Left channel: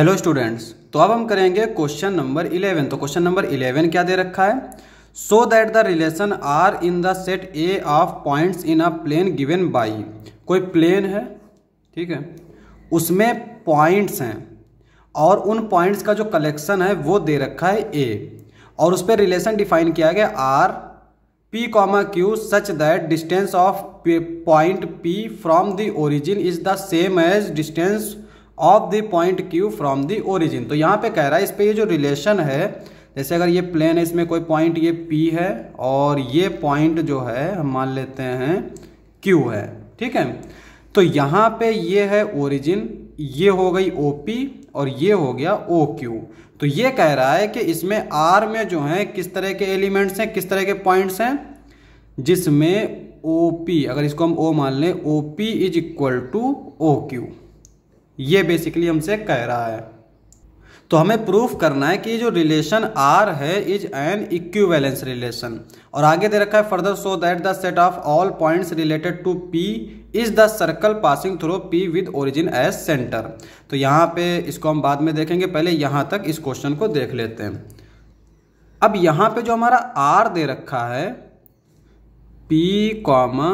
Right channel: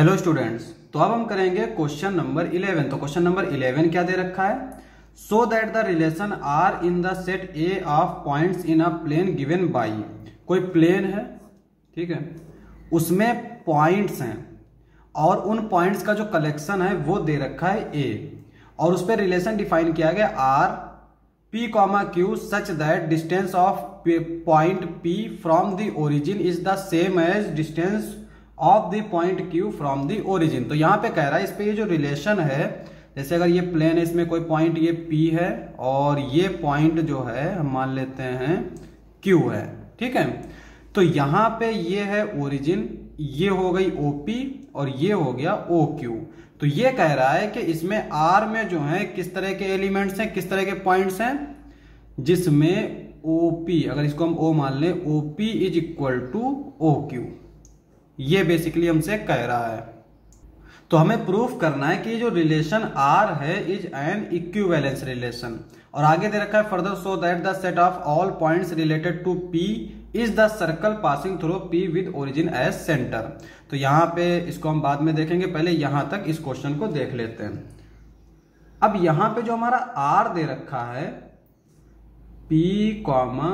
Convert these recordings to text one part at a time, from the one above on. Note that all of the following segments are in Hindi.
हेलो स्टूडेंट्स, तो अब हम करेंगे क्वेश्चन नंबर 11। तो क्वेश्चन नंबर 11 क्या दे रखा है? So that the relation R in the set A of points in a plane given by. कोई प्लेन है, ठीक है, उसमें पॉइंट्स हैं और उन पॉइंट्स का जो कलेक्शन है वो दे रखा है ए, और उस पर रिलेशन डिफाइन किया गया R P comma Q such that distance of point P from the origin is the same as distance of the point Q from the origin. तो यहाँ पे कह रहा है इस पे ये जो रिलेशन है, जैसे अगर ये प्लेन है, इसमें कोई पॉइंट ये पी है और ये पॉइंट जो है हम मान लेते हैं क्यू है, ठीक है। तो यहाँ पे ये है ओरिजिन, ये हो गई ओ पी और ये हो गया ओ क्यू। तो ये कह रहा है कि इसमें आर में जो है किस तरह के एलिमेंट्स हैं, किस तरह के पॉइंट्स हैं, जिसमें ओ पी, अगर इसको हम ओ मान लें, O P is equal to O Q. ये बेसिकली हमसे कह रहा है। तो हमें प्रूफ करना है कि जो रिलेशन आर है इज एन इक्विवेलेंस रिलेशन, और आगे दे रखा है further so that the set of all points related to P is the circle passing through P with origin as centre. तो यहाँ पे इसको हम बाद में देखेंगे, पहले यहाँ तक इस क्वेश्चन को देख लेते हैं। अब यहाँ पे जो हमारा आर दे रखा है P comma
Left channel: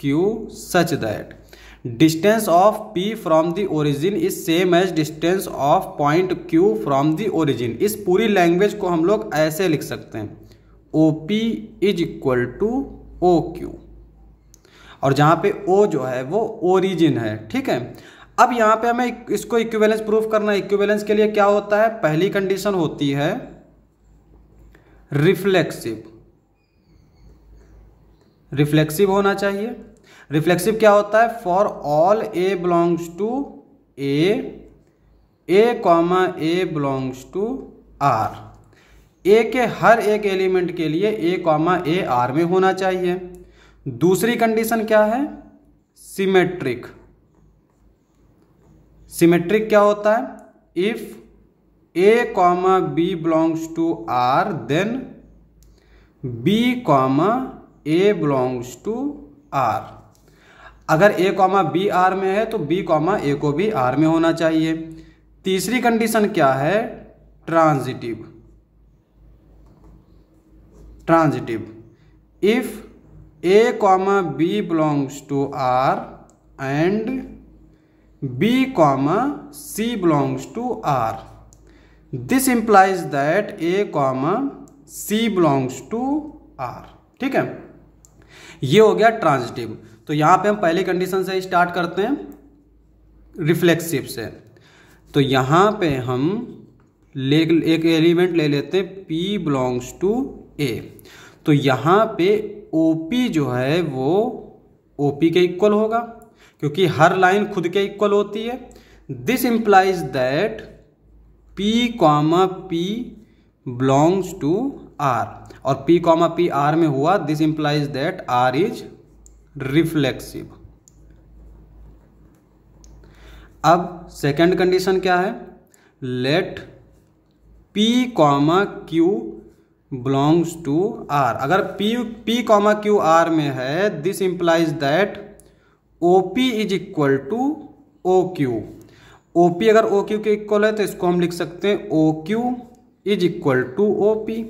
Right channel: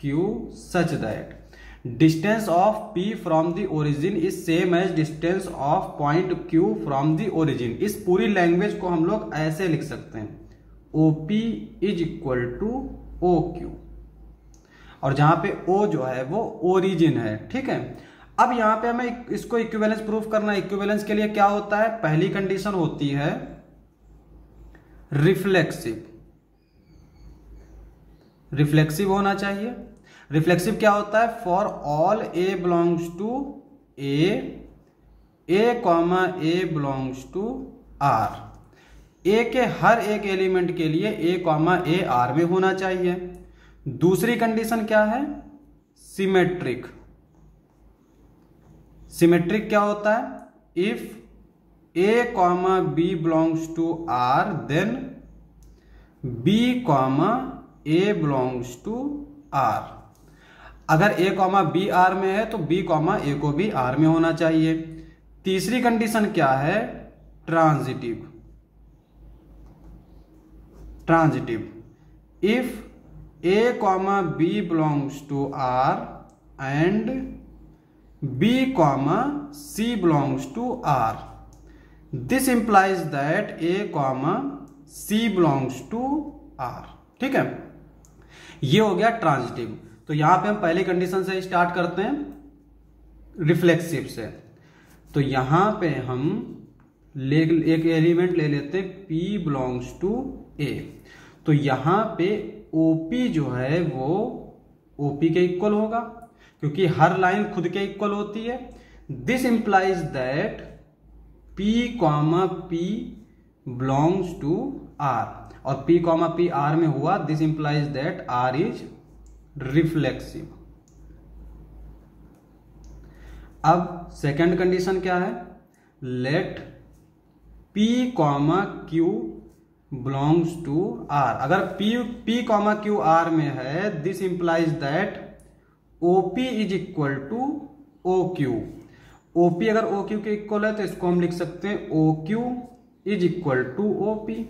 Q such that distance of P from the origin is same as distance of point Q from the origin. इस पूरी लैंग्वेज को हम लोग ऐसे लिख सकते हैं, OP is equal to OQ, और जहां पे O जो है वो ओरिजिन है, ठीक है। अब यहां पे हमें इसको इक्विवेलेंस प्रूफ करना है। इक्विवेलेंस के लिए क्या होता है? पहली कंडीशन होती है रिफ्लेक्सिव होना चाहिए। रिफ्लेक्सिव क्या होता है? For all a belongs to a comma A belongs to R. A के हर एक एलिमेंट के लिए ए कॉमा ए आर में होना चाहिए। दूसरी कंडीशन क्या है? सिमेट्रिक। सिमेट्रिक क्या होता है? If A comma B belongs to R then B comma A belongs to R. अगर ए कॉमा बी आर में है तो बी कॉमा ए को भी आर में होना चाहिए। तीसरी कंडीशन क्या है? Transitive. If A comma B belongs to R and B comma C belongs to R, this implies that A comma C belongs to R, ठीक है। ये हो गया ट्रांजिटिव। तो यहां पे हम पहली कंडीशन से स्टार्ट करते हैं, रिफ्लेक्सिव से। तो यहां पे हम एक एलिमेंट ले लेते हैं P बिलोंग्स टू A। तो यहां पे OP जो है वो OP के इक्वल होगा, क्योंकि हर लाइन खुद के इक्वल होती है। This implies that P comma P belongs to R, और P कॉमा P R में हुआ, this implies that R is reflexive. अब सेकंड कंडीशन क्या है? Let P comma Q belongs to R। अगर P कॉमा Q R में है, this implies that OP is equal to OQ। OP अगर OQ के इक्वल है तो इसको हम लिख सकते हैं OQ is equal to OP,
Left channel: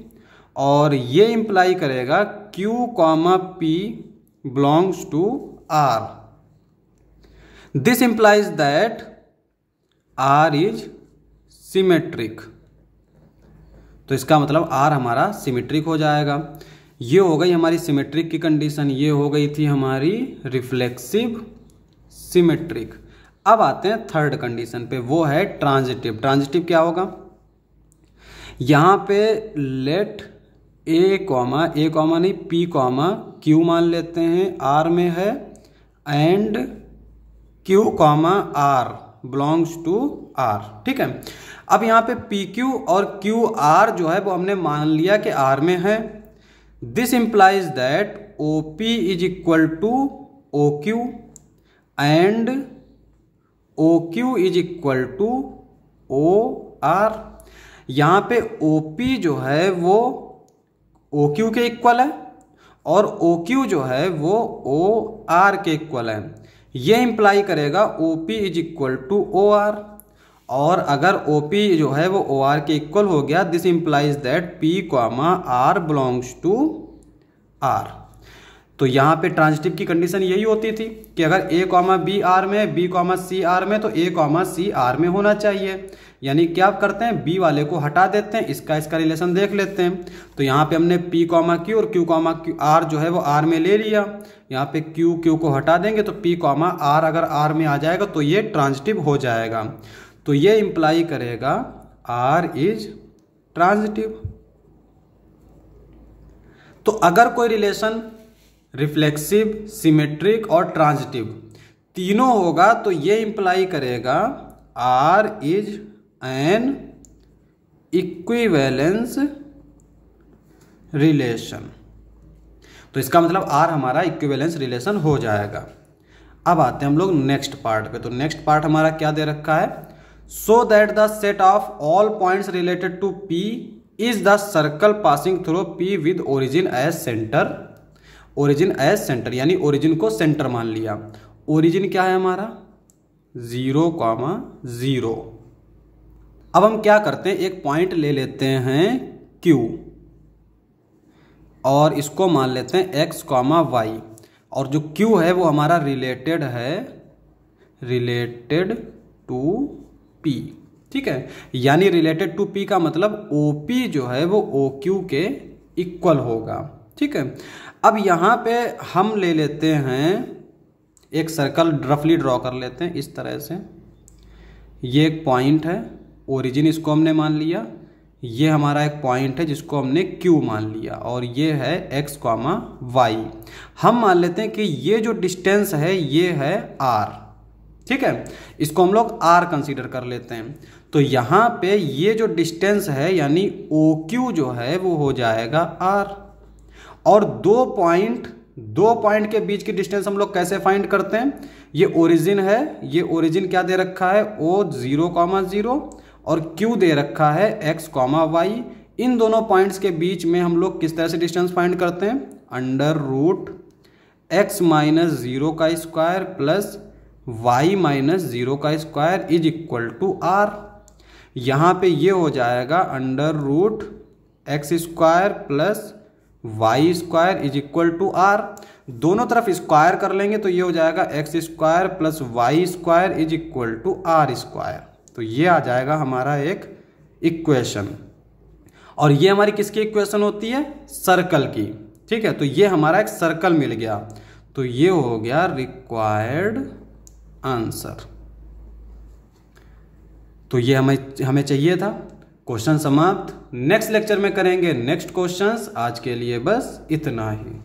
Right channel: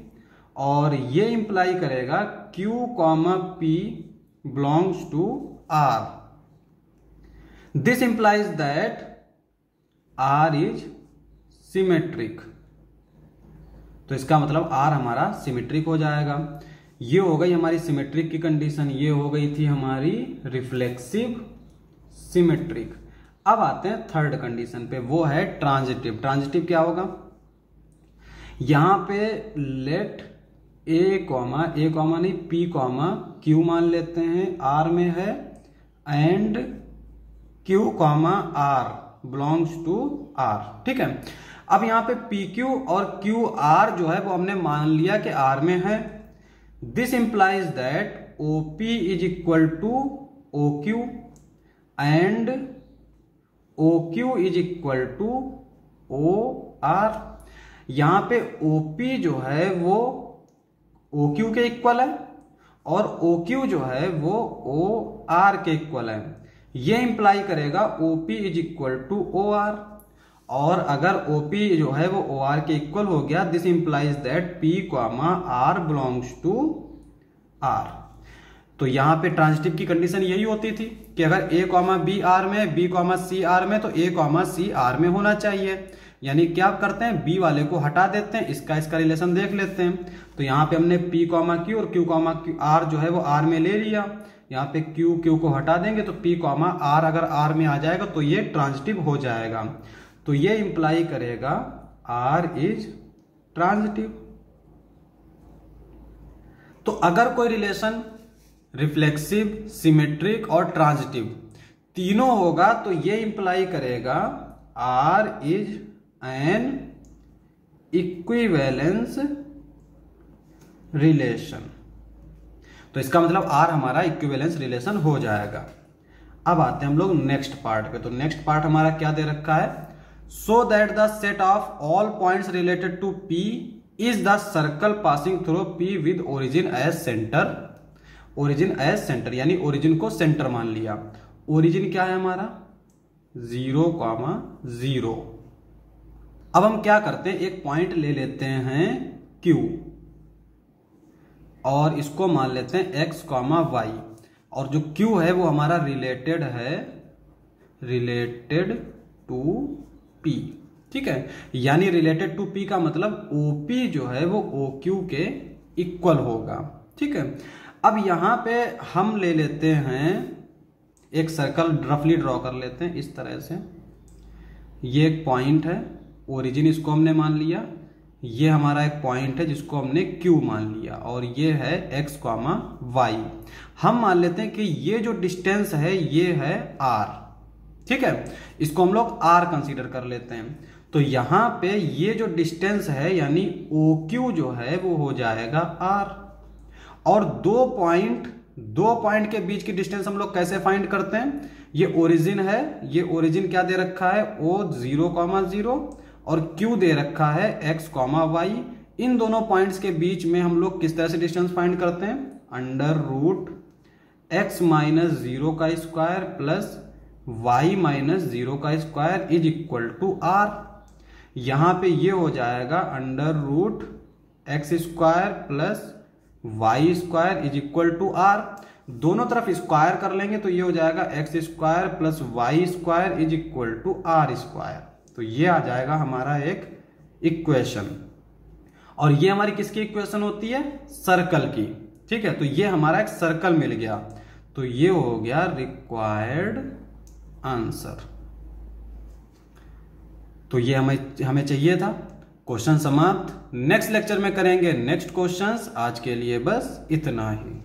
और ये इंप्लाई करेगा Q comma P belongs to R. This implies that R is symmetric. तो इसका मतलब R हमारा सिमेट्रिक हो जाएगा। ये हो गई हमारी सिमेट्रिक की कंडीशन, ये हो गई थी हमारी रिफ्लेक्सिव सिमेट्रिक। अब आते हैं थर्ड कंडीशन पे, वो है ट्रांजिटिव। ट्रांजिटिव क्या होगा? यहां पे लेट ए कॉमा नहीं P कॉमा Q मान लेते हैं, R में है, and Q comma R belongs to R, ठीक है। अब यहाँ पे PQ और QR जो है वो हमने मान लिया कि R में है। This implies that OP is equal to OQ and OQ is equal to OR। यहाँ पे OP जो है वो OQ के इक्वल है और OQ जो है वो OR के इक्वल है। ये इंप्लाई करेगा OP is equal to OR, और अगर OP जो है वो OR के इक्वल हो गया, this implies that P, R belongs to R। तो यहाँ पे ट्रांजिटिव की कंडीशन यही होती थी कि अगर A, B R में, B, C R में, तो A, C R में होना चाहिए। यानी क्या करते हैं, B वाले को हटा देते हैं, इसका रिलेशन देख लेते हैं। तो यहाँ पे हमने P, Q और Q, R जो है वो R में ले लिया। यहाँ पे Q को हटा देंगे तो P, R अगर R में आ जाएगा तो ये ट्रांजिटिव हो जाएगा। तो ये इंप्लाई करेगा R इज ट्रांजिटिव। तो अगर कोई रिलेशन रिफ्लेक्सिव, सिमेट्रिक और ट्रांजिटिव तीनों होगा तो ये इंप्लाई करेगा R is an equivalence relation. तो इसका मतलब R हमारा इक्विवेलेंस रिलेशन हो जाएगा। अब आते हैं हम लोग नेक्स्ट पार्ट पे। तो नेक्स्ट पार्ट हमारा क्या दे रखा है, so that the set of all points related to P is the circle passing through P with origin as centre. Origin as centre यानी ओरिजिन को सेंटर मान लिया। ओरिजिन क्या है हमारा 0, 0। अब हम क्या करते हैं, एक पॉइंट ले लेते हैं Q और इसको मान लेते हैं x, y। और जो Q है वो हमारा रिलेटेड है, रिलेटेड टू P। ठीक है, यानी रिलेटेड टू P का मतलब OP जो है वो OQ के इक्वल होगा। ठीक है, अब यहाँ पे हम ले लेते हैं एक सर्कल, रफली ड्रॉ कर लेते हैं इस तरह से। ये एक पॉइंट है, ओरिजिन इसको हमने मान लिया। ये हमारा एक पॉइंट है जिसको हमने Q मान लिया और ये है x, y। हम मान लेते हैं कि ये जो डिस्टेंस है ये है R। ठीक है, इसको हम लोग R कंसीडर कर लेते हैं। तो यहाँ पे ये जो डिस्टेंस है यानी OQ जो है वो हो जाएगा R। और दो पॉइंट के बीच की डिस्टेंस हम लोग कैसे फाइंड करते हैं, ये ओरिजिन है, ये ओरिजिन क्या दे रखा है O 0, 0 और Q दे रखा है x, y। इन दोनों पॉइंट्स के बीच में हम लोग किस तरह से डिस्टेंस फाइंड करते हैं, अंडर रूट x माइनस 0 का स्क्वायर प्लस y माइनस 0 का square is equal to R। यहाँ पे ये हो जाएगा under root x square plus y square is equal to R। दोनों तरफ स्क्वायर कर लेंगे तो ये हो जाएगा x square plus y square is equal to R square. तो ये आ जाएगा हमारा एक इक्वेशन। और ये हमारी किसकी इक्वेशन होती है, सर्कल की। ठीक है, तो ये हमारा एक सर्कल मिल गया। तो ये हो गया रिक्वायर्ड आंसर। तो ये हमें चाहिए था। क्वेश्चन समाप्त। नेक्स्ट लेक्चर में करेंगे नेक्स्ट क्वेश्चंस। आज के लिए बस इतना ही।